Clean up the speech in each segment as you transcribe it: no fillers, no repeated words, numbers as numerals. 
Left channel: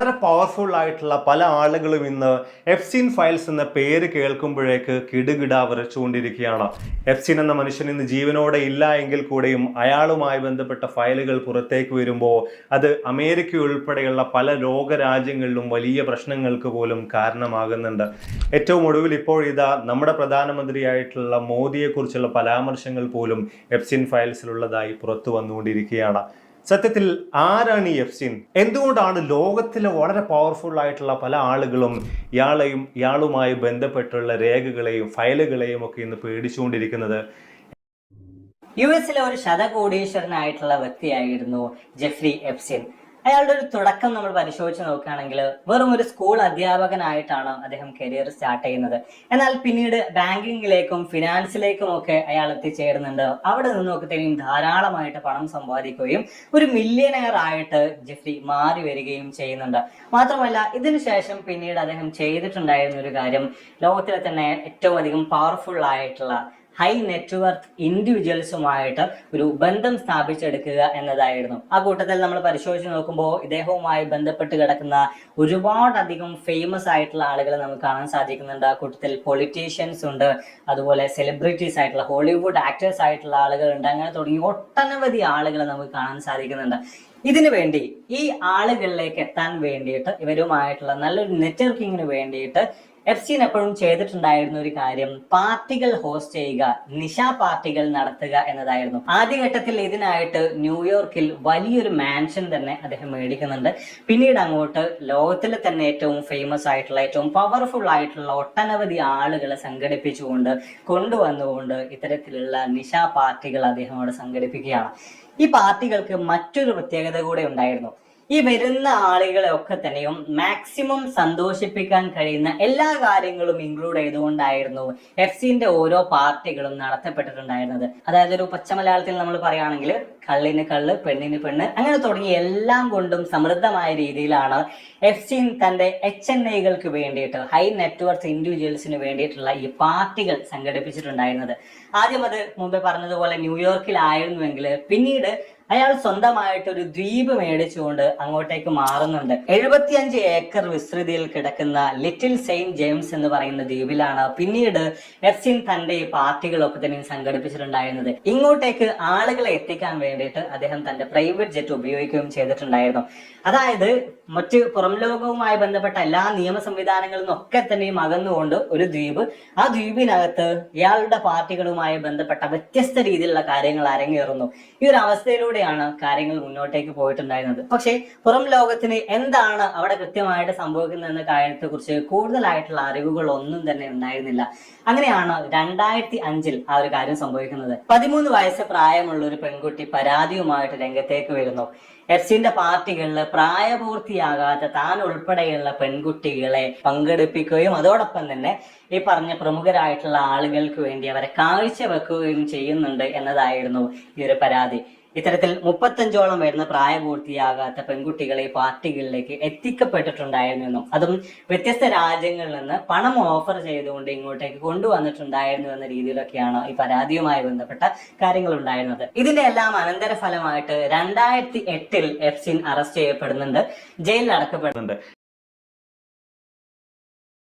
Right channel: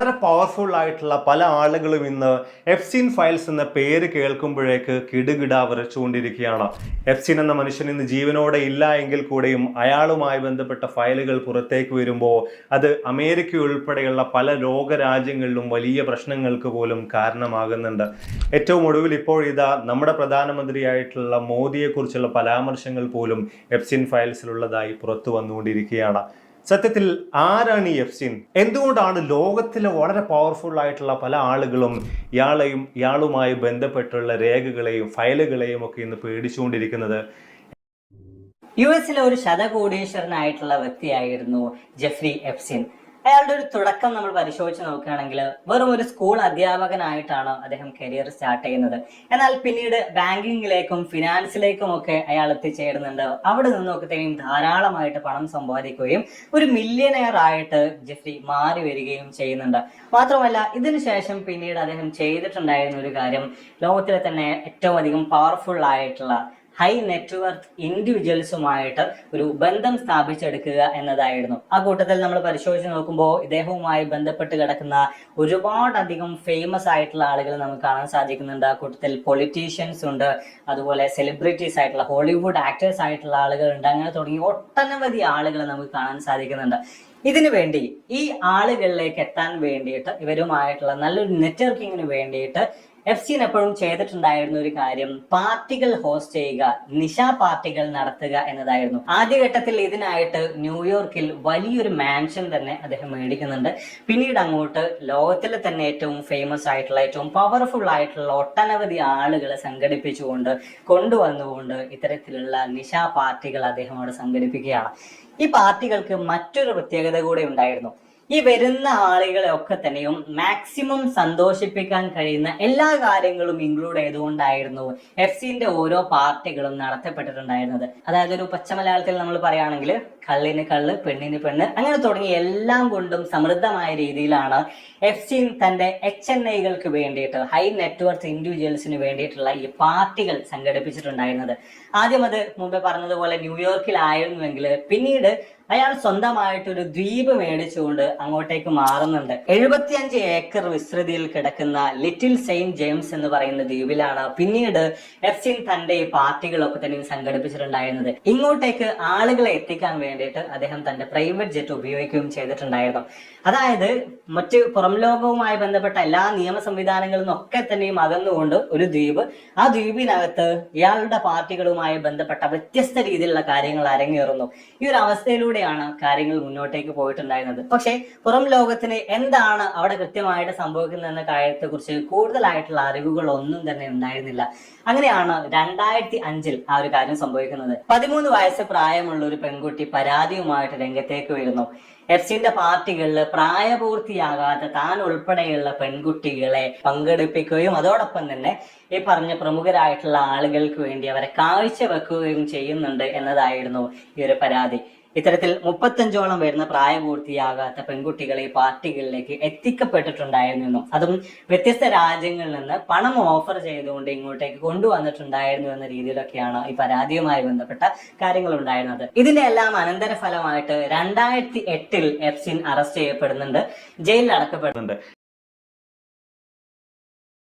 വളരെ പവർഫുൾ ആയിട്ടുള്ള പല ആളുകളും ഇന്ന് എഫ്സിൻ ഫയൽസ് എന്ന പേര് കേൾക്കുമ്പോഴേക്ക് കിടുകിട വിറച്ചുകൊണ്ടിരിക്കുകയാണ്. എഫ്സിൻ എന്ന മനുഷ്യൻ ഇന്ന് ജീവനോടെ ഇല്ല എങ്കിൽ കൂടെയും അയാളുമായി ബന്ധപ്പെട്ട ഫയലുകൾ പുറത്തേക്ക് വരുമ്പോൾ അത് അമേരിക്ക ഉൾപ്പെടെയുള്ള പല ലോകരാജ്യങ്ങളിലും വലിയ പ്രശ്നങ്ങൾക്ക് പോലും കാരണമാകുന്നുണ്ട്. ഏറ്റവും ഒടുവിൽ ഇപ്പോൾ ഇതാ നമ്മുടെ പ്രധാനമന്ത്രിയായിട്ടുള്ള മോദിയെക്കുറിച്ചുള്ള പരാമർശങ്ങൾ പോലും എഫ്സിൻ ഫയൽസിലുള്ളതായി പുറത്തു വന്നുകൊണ്ടിരിക്കുകയാണ്. സത്യത്തിൽ ആരാണ് ഈ എഫ്സിൻ? എന്തുകൊണ്ടാണ് ലോകത്തിലെ വളരെ പവർഫുൾ ആയിട്ടുള്ള പല ആളുകളും ഇയാളുമായി ബന്ധപ്പെട്ടുള്ള രേഖകളെയും ഫയലുകളെയും ഒക്കെ ഇന്ന് പേടിച്ചുകൊണ്ടിരിക്കുന്നത്? യുഎസിലെ ഒരു ശതകോടീശ്വരനായിട്ടുള്ള വ്യക്തിയായിരുന്നു ജെഫ്രി എപ്സ്റ്റീൻ. അയാളുടെ ഒരു തുടക്കം നമ്മൾ പരിശോധിച്ച് നോക്കുകയാണെങ്കിൽ വെറും ഒരു സ്കൂൾ അധ്യാപകനായിട്ടാണ് അദ്ദേഹം കരിയർ സ്റ്റാർട്ട് ചെയ്യുന്നത്. എന്നാൽ പിന്നീട് ബാങ്കിങ്ങിലേക്കും ഫിനാൻസിലേക്കും ഒക്കെ അയാൾ എത്തിച്ചേരുന്നുണ്ട്. അവിടെ നിന്നൊക്കെ തന്നെയും ധാരാളമായിട്ട് പണം സമ്പാദിക്കുകയും ഒരു മില്യനെയർ ആയിട്ട് ജെഫ്രി മാറി വരികയും ചെയ്യുന്നുണ്ട്. മാത്രമല്ല ഇതിനുശേഷം പിന്നീട് അദ്ദേഹം ചെയ്തിട്ടുണ്ടായിരുന്ന ഒരു കാര്യം ലോകത്തിലെ തന്നെ ഏറ്റവും അധികം പവർഫുൾ ആയിട്ടുള്ള ഹൈ നെറ്റ്വർത്ത് ഇൻഡിവിജ്വൽസുമായിട്ട് ഒരു ബന്ധം സ്ഥാപിച്ചെടുക്കുക എന്നതായിരുന്നു. ആ കൂട്ടത്തിൽ നമ്മൾ പരിശോധിച്ച് നോക്കുമ്പോൾ ഇദ്ദേഹവുമായി ബന്ധപ്പെട്ട് കിടക്കുന്ന ഒരുപാടധികം ഫേമസ് ആയിട്ടുള്ള ആളുകൾ നമുക്ക് കാണാൻ സാധിക്കുന്നുണ്ട്. ആ കൂട്ടത്തിൽ പൊളിറ്റീഷ്യൻസ് ഉണ്ട്, അതുപോലെ സെലിബ്രിറ്റീസ് ആയിട്ടുള്ള ഹോളിവുഡ് ആക്ടേഴ്സ് ആയിട്ടുള്ള ആളുകളുണ്ട്. അങ്ങനെ തുടങ്ങി ഒട്ടനവധി ആളുകൾ നമുക്ക് കാണാൻ സാധിക്കുന്നുണ്ട്. ഇതിനു വേണ്ടി ഈ ആളുകളിലേക്ക് എത്താൻ വേണ്ടിയിട്ട് ഇവരുമായിട്ടുള്ള നല്ലൊരു നെറ്റ്വർക്കിങ്ങിന് വേണ്ടിയിട്ട് എഫ്സിൻ എപ്പോഴും ചെയ്തിട്ടുണ്ടായിരുന്ന ഒരു കാര്യം പാർട്ടികൾ ഹോസ്റ്റ് ചെയ്യുക, നിശാ പാർട്ടികൾ നടത്തുക എന്നതായിരുന്നു. ആദ്യഘട്ടത്തിൽ ഇതിനായിട്ട് ന്യൂയോർക്കിൽ വലിയൊരു മാൻഷൻ തന്നെ അദ്ദേഹം മേടിക്കുന്നുണ്ട്. പിന്നീട് അങ്ങോട്ട് ലോകത്തിലെ തന്നെ ഏറ്റവും ഫേമസ് ആയിട്ടുള്ള ഏറ്റവും പവർഫുൾ ആയിട്ടുള്ള ഒട്ടനവധി ആളുകളെ സംഘടിപ്പിച്ചുകൊണ്ട് കൊണ്ടുവന്നുകൊണ്ട് ഇത്തരത്തിലുള്ള നിശാ പാർട്ടികൾ അദ്ദേഹം അവിടെ സംഘടിപ്പിക്കുകയാണ്. ഈ പാർട്ടികൾക്ക് മറ്റൊരു പ്രത്യേകത കൂടെ ഉണ്ടായിരുന്നു. ഈ വരുന്ന ആളുകളെ ഒക്കെ തന്നെയും മാക്സിമം സന്തോഷിപ്പിക്കാൻ കഴിയുന്ന എല്ലാ കാര്യങ്ങളും ഇൻക്ലൂഡ് ചെയ്തുകൊണ്ടായിരുന്നു എഫ്സിന്റെ ഓരോ പാർട്ടികളും നടത്തപ്പെട്ടിട്ടുണ്ടായിരുന്നത്. അതായത് ഒരു പച്ച മലയാളത്തിൽ നമ്മൾ പറയുകയാണെങ്കിൽ കള്ളിന് കള്ള്, പെണ്ണിന് പെണ്ണ്, അങ്ങനെ തുടങ്ങി എല്ലാം കൊണ്ടും സമൃദ്ധമായ രീതിയിലാണ് എഫ്സിൻ തന്റെ HNIകൾക്ക് വേണ്ടിയിട്ട് ഹൈ നെറ്റ്വർത്ത് ഇൻഡിവിജ്വൽസിന് വേണ്ടിയിട്ടുള്ള ഈ പാർട്ടികൾ സംഘടിപ്പിച്ചിട്ടുണ്ടായിരുന്നത്. ആദ്യം അത് മുമ്പേ പറഞ്ഞതുപോലെ ന്യൂയോർക്കിലായിരുന്നുവെങ്കിൽ പിന്നീട് അയാൾ സ്വന്തമായിട്ടൊരു ദ്വീപ് മേടിച്ചുകൊണ്ട് അങ്ങോട്ടേക്ക് മാറുന്നുണ്ട്. 75 ഏക്കർ വിസ്തൃതിയിൽ കിടക്കുന്ന ലിറ്റിൽ സെയിന്റ് ജെയിംസ് എന്ന് പറയുന്ന ദ്വീപിലാണ് പിന്നീട് എഫ്സിൻ തന്റെ ഈ പാർട്ടികളൊക്കെ തന്നെ സംഘടിപ്പിച്ചിട്ടുണ്ടായിരുന്നത്. ഇങ്ങോട്ടേക്ക് ആളുകളെ എത്തിക്കാൻ വേണ്ടിയിട്ട് അദ്ദേഹം തന്റെ പ്രൈവറ്റ് ജെറ്റ് ഉപയോഗിക്കുകയും ചെയ്തിട്ടുണ്ടായിരുന്നു. അതായത് മറ്റ് പുറം ലോകവുമായി ബന്ധപ്പെട്ട എല്ലാ നിയമ സംവിധാനങ്ങളിൽ നിന്നൊക്കെ തന്നെയും അകന്നുകൊണ്ട് ഒരു ദ്വീപ്, ആ ദ്വീപിനകത്ത് ഇയാളുടെ പാർട്ടികളുമായി ബന്ധപ്പെട്ട വ്യത്യസ്ത രീതിയിലുള്ള കാര്യങ്ങൾ അരങ്ങേറുന്നു. ഈ ഒരു അവസ്ഥയിലൂടെയാണ് കാര്യങ്ങൾ മുന്നോട്ടേക്ക് പോയിട്ടുണ്ടായിരുന്നത്. പക്ഷേ പുറം ലോകത്തിന് എന്താണ് അവിടെ കൃത്യമായിട്ട് സംഭവിക്കുന്നത് എന്ന കാര്യത്തെ കുറിച്ച് കൂടുതലായിട്ടുള്ള അറിവുകൾ ഒന്നും തന്നെ ഉണ്ടായിരുന്നില്ല. അങ്ങനെയാണ് 2005 ആ ഒരു കാര്യം സംഭവിക്കുന്നത്. 13 വയസ്സ് പ്രായമുള്ള ഒരു പെൺകുട്ടി പരാതിയുമായിട്ട് രംഗത്തേക്ക് വരുന്നു. എഫ്സിന്റെ പാർട്ടികളിൽ പ്രായപൂർത്തിയാകാത്ത താൻ ഉൾപ്പെടെയുള്ള പെൺകുട്ടികളെ പങ്കെടുപ്പിക്കുകയും അതോടൊപ്പം തന്നെ ഈ പറഞ്ഞ പ്രമുഖരായിട്ടുള്ള ആളുകൾക്ക് വേണ്ടി അവരെ കാഴ്ചവെക്കുകയും ചെയ്യുന്നുണ്ട് എന്നതായിരുന്നു ഈ ഒരു പരാതി. ഇത്തരത്തിൽ 35ഓളം വരുന്ന പ്രായപൂർത്തിയാകാത്ത പെൺകുട്ടികളെ ഈ പാർട്ടികളിലേക്ക് എത്തിക്കപ്പെട്ടിട്ടുണ്ടായിരുന്നു. അതും വ്യത്യസ്ത രാജ്യങ്ങളിൽ നിന്ന് പണം ഓഫർ ചെയ്തുകൊണ്ട് ഇങ്ങോട്ടേക്ക് കൊണ്ടുവന്നിട്ടുണ്ടായിരുന്നു എന്ന രീതിയിലൊക്കെയാണ് ഈ പരാതിയുമായി ബന്ധപ്പെട്ട കാര്യങ്ങൾ ഉണ്ടായിരുന്നത്. ഇതിന്റെ എല്ലാം അനന്തരഫലമായിട്ട് 2008 എഫ്സിൻ അറസ്റ്റ് ചെയ്യപ്പെടുന്നുണ്ട്, ജയിലിൽ അടക്കപ്പെടുന്നുണ്ട്.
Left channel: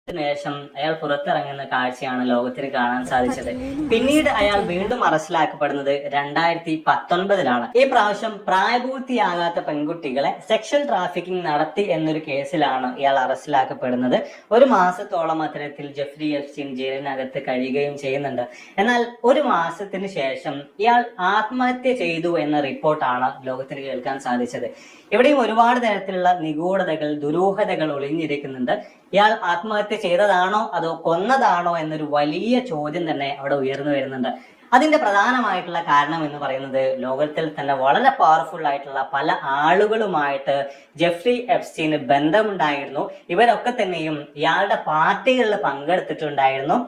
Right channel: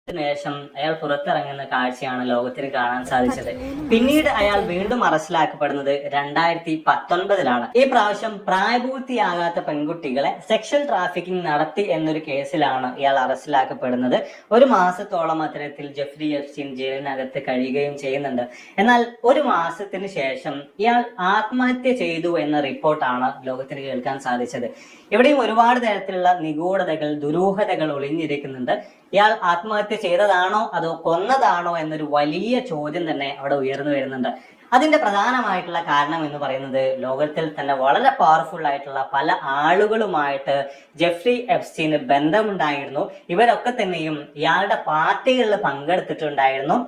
ശേഷം അയാൾ പുറത്തിറങ്ങുന്ന കാഴ്ചയാണ് ലോകത്തിന് കാണാൻ സാധിച്ചത്. പിന്നീട് അയാൾ വീണ്ടും അറസ്റ്റിലാക്കപ്പെടുന്നത് 2019 ഈ പ്രാവശ്യം പ്രായപൂർത്തിയാകാത്ത പെൺകുട്ടികളെ സെക്ഷൽ ട്രാഫിക്കിംഗ് നടത്തി എന്നൊരു കേസിലാണ് ഇയാൾ അറസ്റ്റിലാക്കപ്പെടുന്നത്. 1 മാസത്തോളം അത്തരത്തിൽ ജെഫ്രി എപ്സ്റ്റീൻ ജയിലിനകത്ത് കഴിയുകയും ചെയ്യുന്നുണ്ട്. എന്നാൽ 1 മാസത്തിന് ശേഷം ഇയാൾ ആത്മഹത്യ ചെയ്തു എന്ന റിപ്പോർട്ടാണ് ലോകത്തിന് കേൾക്കാൻ സാധിച്ചത്. ഇവിടെയും ഒരുപാട് തരത്തിലുള്ള നിഗൂഢതകൾ, ദുരൂഹതകൾ ഒളിഞ്ഞിരിക്കുന്നുണ്ട്. ഇയാൾ ആത്മഹത്യ ചെയ്തതാണോ അതോ കൊന്നതാണോ എന്നൊരു വലിയ ചോദ്യം തന്നെ അവിടെ ഉയർന്നു വരുന്നുണ്ട്. അതിന്റെ പ്രധാനമായിട്ടുള്ള കാരണം എന്ന് പറയുന്നത് ലോകത്തിൽ തന്നെ വളരെ പവർഫുൾ ആയിട്ടുള്ള പല ആളുകളുമായിട്ട് ജെഫ്രി എപ്സ്റ്റീന് ബന്ധമുണ്ടായിരുന്നു. ഇവരൊക്കെ തന്നെയും ഇയാളുടെ പാർട്ടികളിൽ പങ്കെടുത്തിട്ടുണ്ടായിരുന്നു.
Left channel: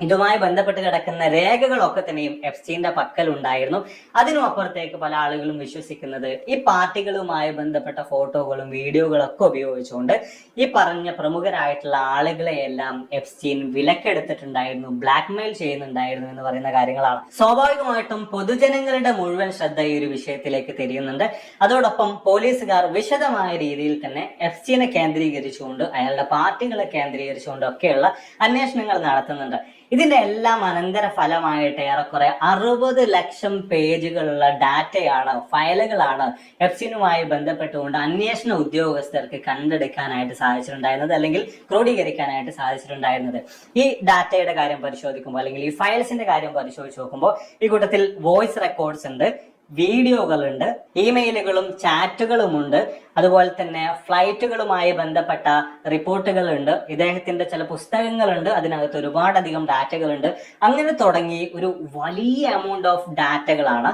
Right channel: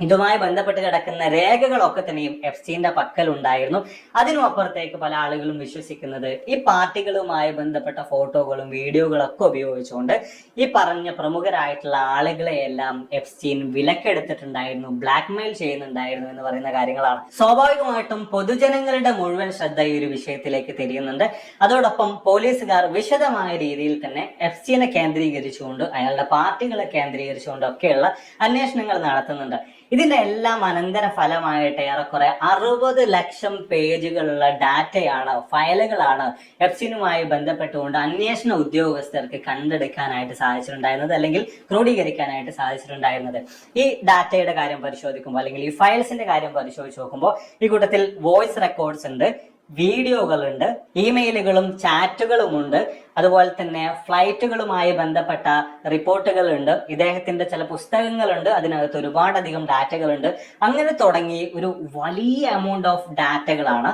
ഇതുമായി ബന്ധപ്പെട്ട് കിടക്കുന്ന രേഖകളൊക്കെ തന്നെയും എഫ്സ്റ്റീന്റെ പക്കൽ ഉണ്ടായിരുന്നു. അതിനും അപ്പുറത്തേക്ക് പല ആളുകളും വിശ്വസിക്കുന്നത് ഈ പാർട്ടികളുമായി ബന്ധപ്പെട്ട ഫോട്ടോകളും വീഡിയോകളൊക്കെ ഉപയോഗിച്ചുകൊണ്ട് ഈ പറഞ്ഞ പ്രമുഖരായിട്ടുള്ള ആളുകളെയെല്ലാം എഫ്സ്റ്റീൻ വിലക്കെടുത്തിട്ടുണ്ടായിരുന്നു, ബ്ലാക്ക്മെയിൽ ചെയ്യുന്നുണ്ടായിരുന്നു എന്ന് പറയുന്ന കാര്യങ്ങളാണ്. സ്വാഭാവികമായിട്ടും പൊതുജനങ്ങളുടെ മുഴുവൻ ശ്രദ്ധ ഈ ഒരു വിഷയത്തിലേക്ക് തിരിയുന്നുണ്ട്. അതോടൊപ്പം പോലീസുകാർ വിശദമായ രീതിയിൽ തന്നെ എഫ്സ്റ്റീനെ കേന്ദ്രീകരിച്ചുകൊണ്ട് അയാളുടെ പാർട്ടികളെ കേന്ദ്രീകരിച്ചുകൊണ്ട് ഒക്കെയുള്ള അന്വേഷണങ്ങൾ നടത്തുന്നുണ്ട്. ഇതിന്റെ എല്ലാം അനന്തര ഫലമായിട്ട് ഏറെക്കുറെ 60 ലക്ഷം പേജുകളുള്ള ഡാറ്റയാണ്, ഫയലുകളാണ് എഫ്സ്റ്റീനുമായി ബന്ധപ്പെട്ടുകൊണ്ട് അന്വേഷണ ഉദ്യോഗസ്ഥർക്ക് കണ്ടെടുക്കാനായിട്ട് സാധിച്ചിട്ടുണ്ടായിരുന്നത്, അല്ലെങ്കിൽ ക്രോഡീകരിക്കാനായിട്ട് സാധിച്ചിട്ടുണ്ടായിരുന്നത്. ഈ ഡാറ്റയുടെ കാര്യം പരിശോധിക്കുമ്പോൾ, അല്ലെങ്കിൽ ഈ ഫയൽസിന്റെ കാര്യം പരിശോധിച്ച് നോക്കുമ്പോൾ ഈ കൂട്ടത്തിൽ വോയിസ് റെക്കോർഡ്സ് ഉണ്ട്, വീഡിയോകളുണ്ട്, ഇമെയിലുകളും ചാറ്റുകളുമുണ്ട്, അതുപോലെ തന്നെ ഫ്ലൈറ്റുകളുമായി ബന്ധപ്പെട്ട റിപ്പോർട്ടുകളുണ്ട്, ഇദ്ദേഹത്തിന്റെ ചില പുസ്തകങ്ങളുണ്ട്, അതിനകത്ത് ഒരുപാടധികം ഡാറ്റകളുണ്ട്. അങ്ങനെ തുടങ്ങി ഒരു വലിയ എമൗണ്ട് ഓഫ് ഡാറ്റകളാണ്.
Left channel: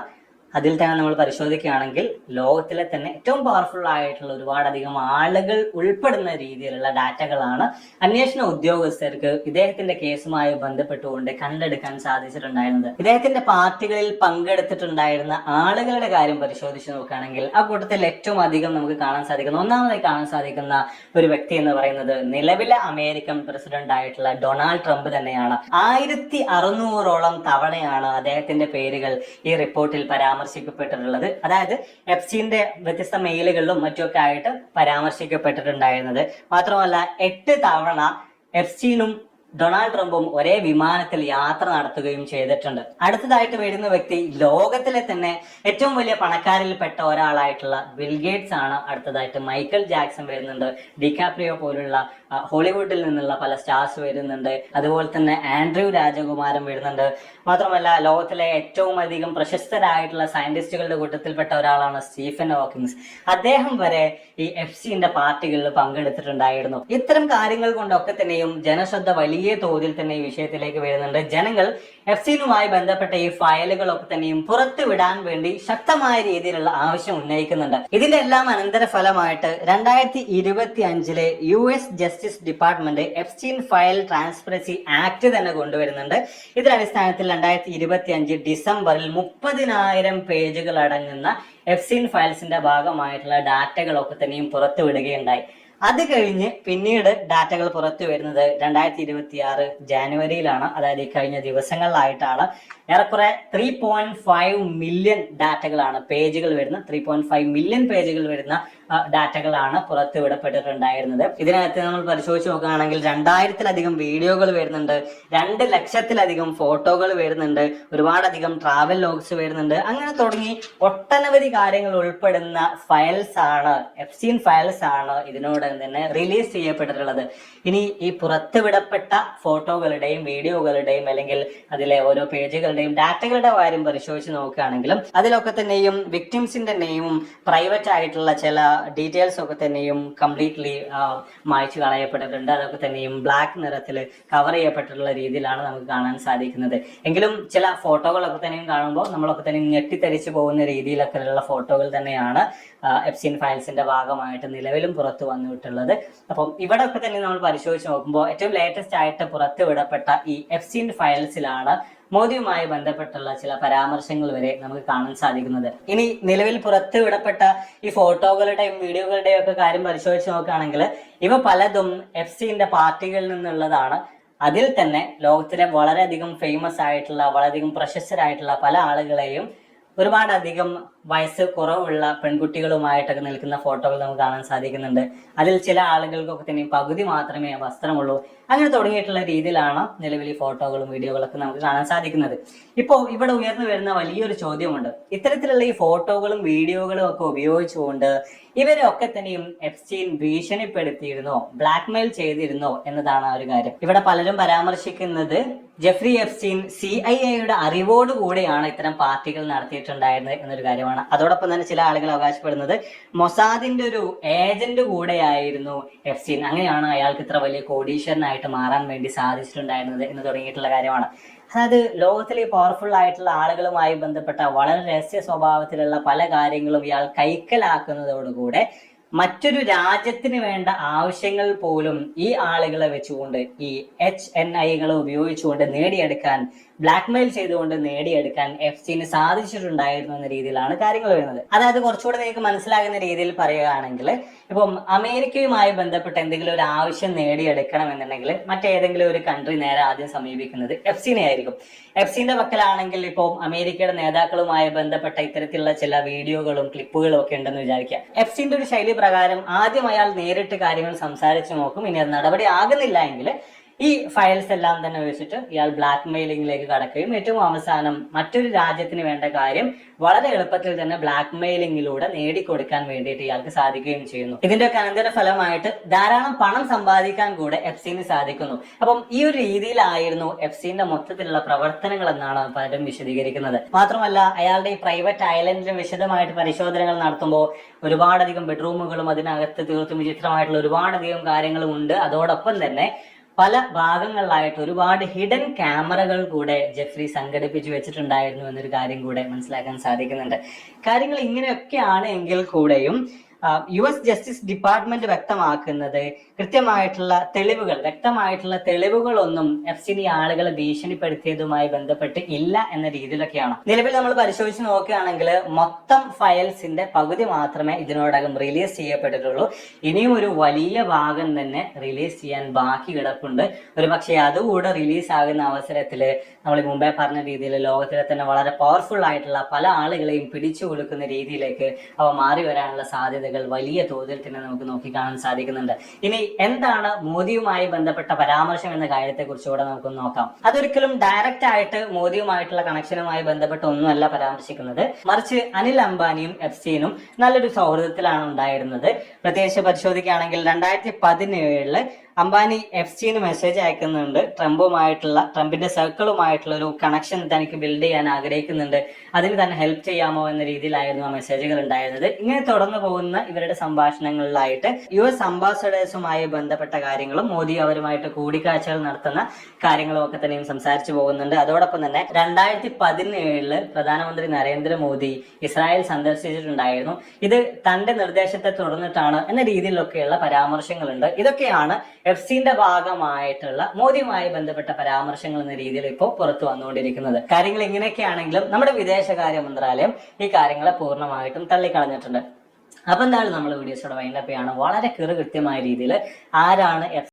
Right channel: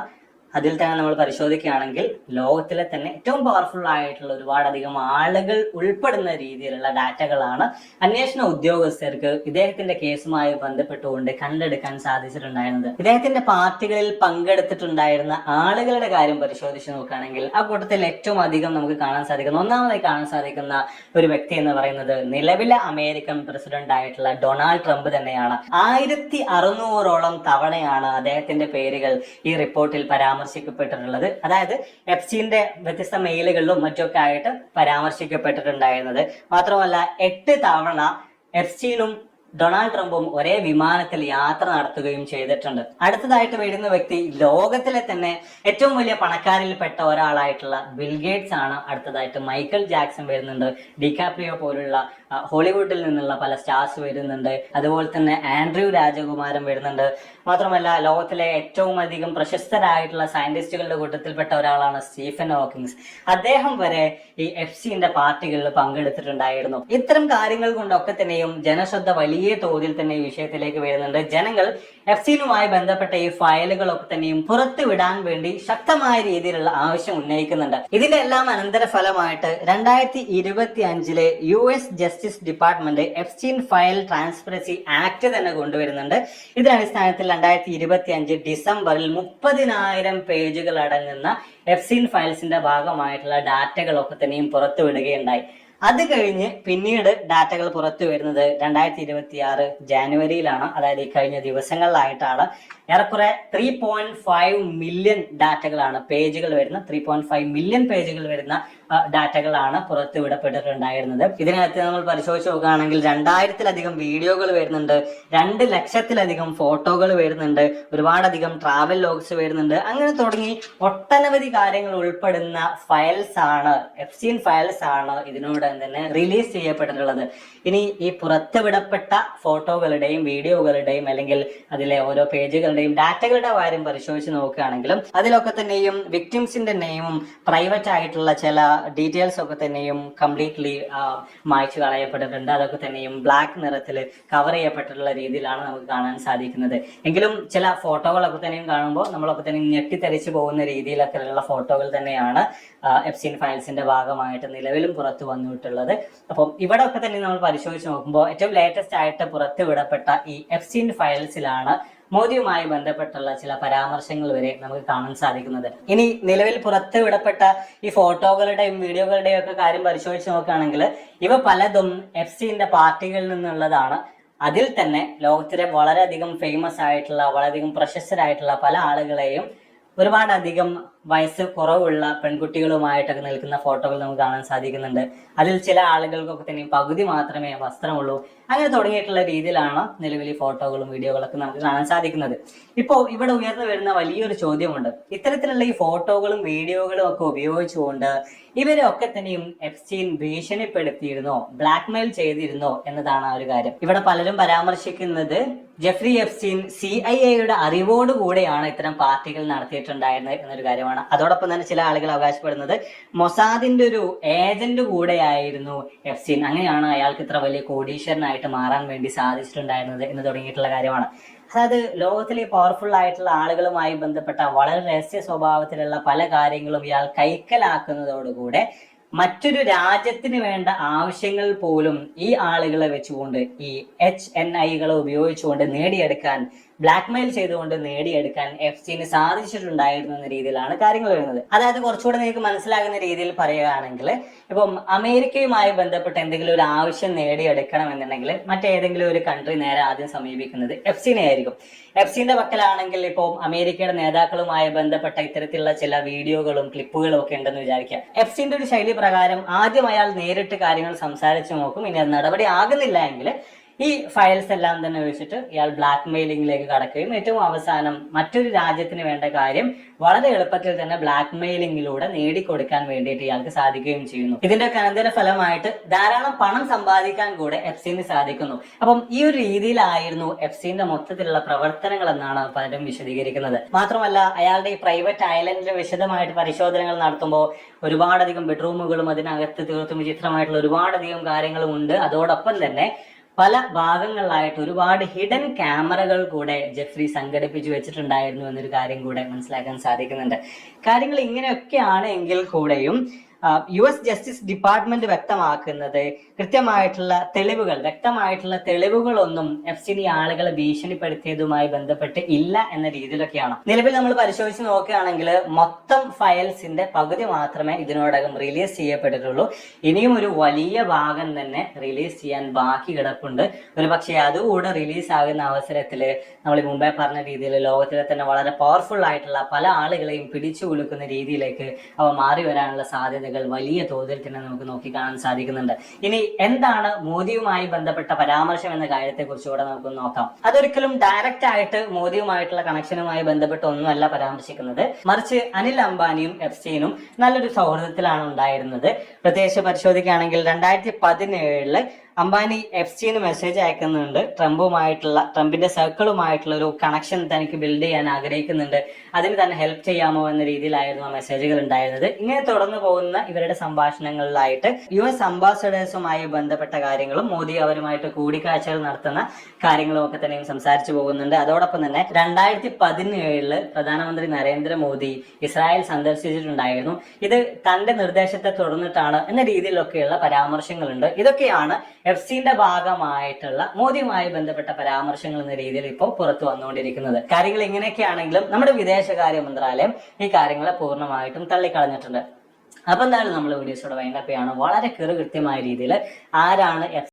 അതിൽ തന്നെ നമ്മൾ പരിശോധിക്കുകയാണെങ്കിൽ ലോകത്തിലെ തന്നെ ഏറ്റവും പവർഫുൾ ആയിട്ടുള്ള ഒരുപാടധികം ആളുകൾ ഉൾപ്പെടുന്ന രീതിയിലുള്ള ഡാറ്റകളാണ് അന്വേഷണ ഉദ്യോഗസ്ഥർക്ക് ഇദ്ദേഹത്തിന്റെ കേസുമായി ബന്ധപ്പെട്ടുകൊണ്ട് കണ്ടെടുക്കാൻ സാധിച്ചിട്ടുണ്ടായിരുന്നത്. ഇദ്ദേഹത്തിന്റെ പാർട്ടികളിൽ പങ്കെടുത്തിട്ടുണ്ടായിരുന്ന ആളുകളുടെ കാര്യം പരിശോധിച്ച് നോക്കുകയാണെങ്കിൽ ആ കൂട്ടത്തിൽ ഏറ്റവും അധികം നമുക്ക് ഒന്നാമതായി കാണാൻ സാധിക്കുന്ന ഒരു വ്യക്തി എന്ന് പറയുന്നത് നിലവിലെ അമേരിക്കൻ പ്രസിഡന്റ് ആയിട്ടുള്ള ഡൊണാൾഡ് ട്രംപ് തന്നെയാണ്. 1600ഓളം തവണയാണ് അദ്ദേഹത്തിന്റെ പേരുകൾ ഈ റിപ്പോർട്ടിൽ പരാമർശിക്കപ്പെട്ടിട്ടുള്ളത്. അതായത് എഫ്സ്റ്റീന്റെ വ്യത്യസ്ത മെയിലുകളിലും മറ്റുമൊക്കെ ആയിട്ട് പരാമർശിക്കപ്പെട്ടിട്ടുണ്ടായിരുന്നത്. മാത്രമല്ല 8 തവണ എഫ്സ്റ്റീനും ഡൊണാൾഡ് ട്രംപും ഒരേ വിമാനത്തിൽ യാത്ര നടത്തുകയും ചെയ്തിട്ടുണ്ട്. അടുത്തതായിട്ട് വരുന്ന വ്യക്തി ലോകത്തിലെ തന്നെ ഏറ്റവും വലിയ പണക്കാരിൽപ്പെട്ട ഒരാളായിട്ടുള്ള ബിൽ ഗേറ്റ്സ് ആണ്. അടുത്തതായിട്ട് മൈക്കൽ ജാക്സൺ വരുന്നുണ്ട്, ഡികാപ്രിയോ പോലുള്ള ഹോളിവുഡിൽ നിന്നുള്ള പല സ്റ്റാർസ് വരുന്നുണ്ട്, അതുപോലെ തന്നെ ആൻഡ്രൂ രാജകുമാരൻ വരുന്നുണ്ട്. മാത്രമല്ല ലോകത്തിലെ ഏറ്റവും അധികം പ്രശസ്തരായിട്ടുള്ള സയന്റിസ്റ്റുകളുടെ കൂട്ടത്തിൽപ്പെട്ട ഒരാളാണ് സ്റ്റീഫൻ ഹോക്കിൻസ്. അദ്ദേഹം വരെ ഈ എഫ്സ്റ്റീന്റെ പാർട്ടികളിൽ പങ്കെടുത്തിട്ടുണ്ടായിരുന്നു. ഇത്തരം കാര്യങ്ങൾ കൊണ്ടൊക്കെ തന്നെയും ജനശ്രദ്ധ വലിയ തോതിൽ തന്നെ ഈ വിഷയത്തിലേക്ക് വരുന്നുണ്ട്. ജനങ്ങൾ എഫ്സ്റ്റീനുമായി ബന്ധപ്പെട്ട ഈ ഫയലുകളൊക്കെ തന്നെയും പുറത്തു വിടാൻ വേണ്ടി ശക്തമായ രീതിയിലുള്ള ആവശ്യം ഉന്നയിക്കുന്നുണ്ട്. ഇതിന്റെ എല്ലാം അനന്തര ഫലമായിട്ട് 2025 US justice department Epstein file transparency act തന്നെ കൊണ്ടുവരുന്നുണ്ട്. ഇതിനടിസ്ഥാനത്തിൽ 2025 ഡിസംബറിൽ 30,000 പേജുകൾ അടങ്ങുന്ന എഫ്സ്റ്റീൻ ഫയൽസിന്റെ ഭാഗമായിട്ടുള്ള ഡാറ്റകളൊക്കെ തന്നെയും പുറത്തു വിടുകയുണ്ടായി. അത് കഴിഞ്ഞ് പിന്നീട് ഡാറ്റകൾ പുറത്തു വരുന്നത് 2026 ജാനുവരിയിലാണ്. അതായത് ഈ കഴിഞ്ഞ ദിവസങ്ങളിലായിട്ടാണ്. ഏറെക്കുറെ 3.5 മില്യൺ ഡാറ്റകളാണ്, പേജുകൾ വരുന്ന 3.5 മില്യൺ പേജുകൾ വരുന്ന ഡാറ്റകളാണ് പുറത്തു വിടപ്പെട്ടിട്ടുണ്ടായിരുന്നത്. ഇതിനകത്ത് നമ്മൾ പരിശോധിച്ച് നോക്കുകയാണെങ്കിൽ 2000-ലധികം വീഡിയോകൾ വരുന്നുണ്ട്, 2 ലക്ഷത്തിലധികം ഫോട്ടോകൾ വരുന്നുണ്ട്, ഒരുപാടധികം ട്രാവൽ ലോഗ്സ് വരുന്നുണ്ട്. അങ്ങനെ തുടങ്ങി ഒട്ടനവധി കാര്യങ്ങൾ ഉൾപ്പെടുന്ന ഫയൽസ് ആണ്, എഫ്സ്റ്റീൻ ഫയൽസ് ആണ് ഇതിനോട് തന്നെ റിലീസ് ചെയ്യപ്പെട്ടിട്ടുള്ളത്. ഇനി ഈ പുറത്തുവിടപ്പെട്ട ഫോട്ടോകളുടെയും വീഡിയോകളുടെയും അല്ലെങ്കിൽ അതിലെ ഓരോ പേജുകളുടെയും ഡാറ്റകളുടെ കാര്യം പരിശോധിച്ച് നോക്കുകയാണെങ്കിലും അതിലൊക്കെ തന്നെയും വിക്ടിംസിന്റെ നെയിമും പ്രൈവറ്റ് ആയിട്ടുള്ള ചില ഡീറ്റെയിൽസ് ഒക്കെ തന്നെയും കംപ്ലീറ്റ്ലി മായ്ച്ചു കളയപ്പെട്ടിട്ടുണ്ട്. അതൊക്കെ തന്നെയും ബ്ലാക്ക് നിറത്തിൽ കവർ ചെയ്യപ്പെട്ടിട്ടുള്ള രീതിയിലാണ് നമുക്ക് കാണാൻ സാധിക്കുന്നത്. എങ്കിലും ചില ഫോട്ടോകളൊക്കെ തന്നെയും കാണുമ്പോൾ നമ്മളൊക്കെ തന്നെ ഞെട്ടിത്തരിച്ചു പോകുന്ന രീതിയിലൊക്കെയുള്ള ഫോട്ടോകൾ തന്നെയാണ് എഫ്സ്റ്റീൻ ഫയൽസിന്റെ ഭാഗമായിട്ട് നിലവിലും പുറത്തു വന്നിട്ടുള്ളത്. അപ്പം ഇവിടെ ഒക്കെ തന്നെ നമ്മൾ പരിശോധിച്ച് നോക്കുമ്പോൾ ഏറ്റവും ലേറ്റസ്റ്റ് ആയിട്ട് പുറത്തു വിടപ്പെട്ട ഈ എഫ്സ്റ്റീൻ ഫയൽസിലാണ് മോദിയുമായി ബന്ധപ്പെട്ടുള്ള ചില പരാമർശങ്ങൾ വരെ നമുക്ക് കാണാൻ സാധിക്കുന്നത്. ഇനി നിലവിൽ പുറത്തു വിടപ്പെട്ട ഈ ഫോട്ടോകളുടെയും വീഡിയോകളുടെയും ഒക്കെ കാര്യം പരിശോധിച്ച് നോക്കുകയാണെങ്കിൽ ഇവ പലതും എഫ്സ്റ്റീന്റെ പാർട്ടികളിൽ നിന്നുള്ളതാണ്. അതിൽ തന്നെ ലോകത്തിലെ വളരെയധികം ഫേമസ് ആയിട്ടുള്ള, വളരെയധികം പ്രശസ്തരായിട്ടുള്ള പല ആളുകളെയും ഒരുപാടധികം വയസ്സ് കുറവുള്ള പെൺകുട്ടികളുമായിട്ടൊക്കെ നിൽക്കുന്ന ഫോട്ടോകൾ നമുക്ക് കാണാൻ സാധിക്കുന്നുണ്ട്. അതിൽ ചില ആളുകൾക്കൊക്കെ തന്നെ പകുതി മാത്രമേ വസ്ത്രമുള്ളൂ. അങ്ങനെ തുടങ്ങിയിട്ടുള്ള രീതിയിലാണ് നിലവിൽ ഫോട്ടോകളും വീഡിയോകളൊക്കെ നമുക്ക് കാണാൻ സാധിക്കുന്നത്. ഇപ്പോൾ ഇവിടെ ഉയർന്നു വരുന്ന വലിയൊരു ചോദ്യമുണ്ട്. ഇത്തരത്തിലുള്ള ഈ ഫോട്ടോകളും വീഡിയോകളും ഒക്കെ ഉപയോഗിച്ചുകൊണ്ട് ഇവരെ ഒക്കെ തന്നെയും എഫ്സ്റ്റീൻ ഭീഷണിപ്പെടുത്തിയിരുന്നോ, ബ്ലാക്ക്മെയിൽ ചെയ്തിരുന്നോ എന്നതാണ് ആ ഒരു കാര്യം. ഇവിടെ പലരും പരാമർശിക്കുന്നത് ജെഫ്രി എപ്സ്റ്റീൻ CIA-യുടെ അറിവോടുകൂടെയാണ് ഇത്തരം പാർട്ടികൾ നടത്തിയിട്ടുണ്ടായിരുന്നത് എന്നൊരു കാര്യമാണ്. അതോടൊപ്പം തന്നെ ചില ആളുകൾ അവകാശപ്പെടുന്നത് മൊസാദിന്റെ ഒരു ഏജന്റ് കൂടെയായിരുന്നു എപ്സ്റ്റീൻ, അങ്ങനെയാണ് അയാൾക്ക് ഇത്ര വലിയ കോടീശ്വരനായിട്ട് മാറാൻ വേണ്ടി സാധിച്ചിട്ടുണ്ടായിരുന്നത് എന്ന് തുടങ്ങിയിട്ടുള്ള കാര്യമാണ്. അതായത് ലോകത്തിലെ പവർഫുൾ ആയിട്ടുള്ള ആളുകളുമായി ബന്ധപ്പെട്ട വളരെ രഹസ്യ സ്വഭാവത്തിലുള്ള പല കാര്യങ്ങളും ഇയാൾ കൈക്കലാക്കുന്നതോടുകൂടെ മറ്റൊരു രാജ്യത്തിന് വേണ്ട ആവശ്യങ്ങൾ പോലും ഈ ആളുകളെ വെച്ചുകൊണ്ട്, ഈ HNI-കളെ ഉപയോഗിച്ചുകൊണ്ട് നേടിയെടുക്കാൻ, ബ്ലാക്ക്മെയിൽ ചെയ്തുകൊണ്ട് നേടിയെടുക്കാൻ എഫ്സിന് സാധിച്ചിട്ടുണ്ടായിരുന്നു എന്ന രീതിയിലാണ് കാര്യങ്ങൾ വരുന്നത്. അതായത് കുറച്ചുകൂടെ നിങ്ങൾക്ക് മനസ്സിലാകുന്ന രീതിയിൽ പറയുകയാണെങ്കിൽ, ഇപ്പം അമേരിക്കയുമായി ബന്ധപ്പെട്ട് എന്തെങ്കിലും ഒരു ആവശ്യം നേടിയെടുക്കണം എന്നുണ്ടെങ്കിൽ മറ്റേതെങ്കിലും ഒരു കൺട്രി നേരെ ആദ്യം സമീപിക്കുന്നത് എഫ്സിനെ ആയിരിക്കും. എഫ്സിന്റെ പക്കലാണെങ്കിൽ ഇപ്പോൾ അമേരിക്കയുടെ നേതാക്കളുമായി ബന്ധപ്പെട്ട ഇത്തരത്തിലുള്ള ചില വീഡിയോകളും ക്ലിപ്പുകളും ഒക്കെ ഉണ്ടെന്ന് വിചാരിക്കാം. എഫ്സിന്റെ ഒരു ശൈലി പ്രകാരം ആദ്യം അയാൾ നേരിട്ട് കാര്യങ്ങൾ സംസാരിച്ച് നോക്കും. ഇനി അത് നടപടി ആകുന്നില്ല എങ്കിൽ ഈ ഫയൽസ് എല്ലാം തന്നെ വെച്ചിട്ട് ഇയാൾ ബ്ലാക്ക് മെയിലിംഗിലേക്ക് കടക്കുകയും ഏറ്റവും അവസാനം മറ്റൊരു രാജ്യത്തിന് വേണ്ട കാര്യം വളരെ എളുപ്പത്തിൽ തന്നെ ബ്ലാക്ക് മെയിലിംഗിലൂടെ നേടിക്കൊടുക്കാൻ വേണ്ടിയിട്ട് ഇയാൾക്ക് സാധിക്കുകയും ചെയ്യുന്നു. ഇതിന്റെ അനന്തര ഫലമായിട്ട് ധാരാളം പണം സമ്പാദിക്കാൻ കൂടെ എഫ്സിന് സാധിക്കുന്നു. അപ്പം ഈ ഒരു രീതിയിലായിരുന്നു എഫ്സിന്റെ മൊത്തത്തിലുള്ള പ്രവർത്തനങ്ങൾ എന്നാണ് പലരും വിശദീകരിക്കുന്നത്. മാത്രമല്ല അയാളുടെ ഈ പ്രൈവറ്റ് ഐലൻഡിൽ വിശദമായിട്ട് പരിശോധനകൾ നടത്തുമ്പോൾ ഒരുപാടധികം ബെഡ്റൂമുകളും അതിനകത്ത് തീർത്തും വിചിത്രമായിട്ടുള്ള ഒരുപാടധികം കാര്യങ്ങളും ഉണ്ട്. അതോടൊപ്പം തന്നെ പല ഭാഗങ്ങളിലായിട്ട് ഒരുപാട് ഹിഡൻ ക്യാമറകൾ കൂടെ ജെഫ്രി സംഘടിപ്പിച്ചു വെച്ചിട്ടുണ്ടായിരുന്നു എന്നൊരു കാര്യം കൂടെ മനസ്സിലാക്കാൻ സാധിക്കുന്നുണ്ട്. കാര്യങ്ങൾ ഇങ്ങനെയൊക്കെയാണ് എങ്കിൽ കൂടെയും US ജസ്റ്റിസ് ഡിപ്പാർട്ട്മെന്റ് വ്യക്തമാക്കുന്നത് കൃത്യമായിട്ടുള്ള തെളിവുകൾ, വ്യക്തമായിട്ടുള്ള തെളിവുകളൊന്നും എഫ്സിനി ആളുകളെ ഭീഷണിപ്പെടുത്തിയതുമായി ബന്ധപ്പെട്ട് ഇല്ല എന്ന രീതിയിലൊക്കെയാണ്. നിലവിൽ നമ്മൾ പരിശോധിച്ച് നോക്കുകയാണെങ്കിൽ മൊത്തം ഫയൽസിന്റെ പകുതി മാത്രമേ ഇതിനോടകം റിലീസ് ചെയ്യപ്പെട്ടിട്ടുള്ളൂ. ഇനിയും ഒരു വലിയ ഭാഗം തന്നെ റിലീസ് ചെയ്യാൻ ബാക്കി കിടപ്പുണ്ട്. ഒരു പക്ഷേ അതുകൂടെ റിലീസ് ആകുന്ന അവസരത്തിൽ നമ്മൾ മുമ്പേ പറഞ്ഞ രീതിയിൽ ലോകത്തിലെ തന്നെ വളരെ പവർഫുൾ ആയിട്ടുള്ള പല ആളുകളെയും പിടിച്ചു കുലുക്കുന്ന രീതിയിലേക്ക് അവ മാറി വരാനുള്ള സാധ്യതകൾ വലിയ തോതിൽ തന്നെ നമുക്ക് നോക്കിക്കാണാൻ സാധിക്കുന്നുണ്ട്. ഇനി എന്താണ് മോദിയുമായി ബന്ധപ്പെട്ട പരാമർശം എന്ന കാര്യത്തെ കുറിച്ചുകൂടെ നമുക്ക് നോക്കാം. അതൊരിക്കലും ഡയറക്റ്റ് ആയിട്ട് മോദിയുമായിട്ടുള്ള കണക്ഷനുമായി ബന്ധപ്പെട്ട് ഒന്നുമല്ല പരാമർശിക്കുന്നത്. മറിച്ച് അനിൽ അംബാനിയും എഫ്സിനും നല്ലൊരു സൗഹൃദത്തിലാണ് ഉണ്ടായിരുന്നത്. പ്രത്യേകിച്ച് പരിശോധിക്കുകയാണെങ്കിൽ 2017 അംബാനി എഫ്സിന് മെസ്സേജ് അയക്കുന്നുണ്ട്. ട്രംപിന്റെ സർക്കിളുമായിട്ടുള്ള ഒരു കണക്ഷൻ തനിക്ക് ബിൽഡ് ചെയ്യാൻ ആഗ്രഹിക്കുന്നുണ്ട്, അതിന് തന്നെ ഹെൽപ്പ് ചെയ്യാമോ എന്ന രീതിയിലായിരുന്നു ആ മെസ്സേജുകൾ ഉണ്ടായിരുന്നത്. ഇങ്ങനെ തുടർന്നു പോകുന്ന ഇവരുടെ സംഭാഷണങ്ങളിലായിട്ട് US അംബാസഡേഴ്സുമായി ബന്ധപ്പെട്ട കാര്യങ്ങളും മോദി അവരുമായിട്ട് കൂടിക്കാഴ്ചകൾ നടത്തുന്ന കാര്യങ്ങളും ഒക്കെ തന്നെയും സംസാരിച്ചു പോകുന്നുണ്ട്. അതോടൊപ്പം തന്നെ 2017 പ്രധാനമന്ത്രി നരേന്ദ്രമോദി ഇസ്രായേൽ സന്ദർശിച്ചിട്ടുണ്ടായിരുന്നു. ഇത് തന്റെ നിർദ്ദേശത്തെ തുടർന്നിട്ടാണ് എന്ന രീതിയിലൊക്കെയുള്ള പരാമർശങ്ങളുണ്ട്. ഇതൊക്കെയാണ് എഫ്സിന്റെ ഭാഗമായിട്ടുള്ള മോദിയുമായി ബന്ധപ്പെട്ട പരാമർശങ്ങൾ എന്ന രീതിയിൽ ഇപ്പോൾ പുറത്തു വന്നുകൊണ്ടിരിക്കുന്നത്. കാര്യങ്ങൾ ഇങ്ങനെയൊക്കെയാണെങ്കിലും നമ്മുടെ വിദേശകാര്യ മന്ത്രാലയം ഈ കാര്യങ്ങളെ പൂർണ്ണമായിട്ടും തള്ളിക്കളഞ്ഞിട്ടുണ്ട്. അപ്പൊ എന്തായാലും നമ്മൾ വീഡിയോസോടെ വൈൻഡപ്പ് ചെയ്യാണ്. വളരെ കൃത്യമായ രീതിയിൽ ആരാണ്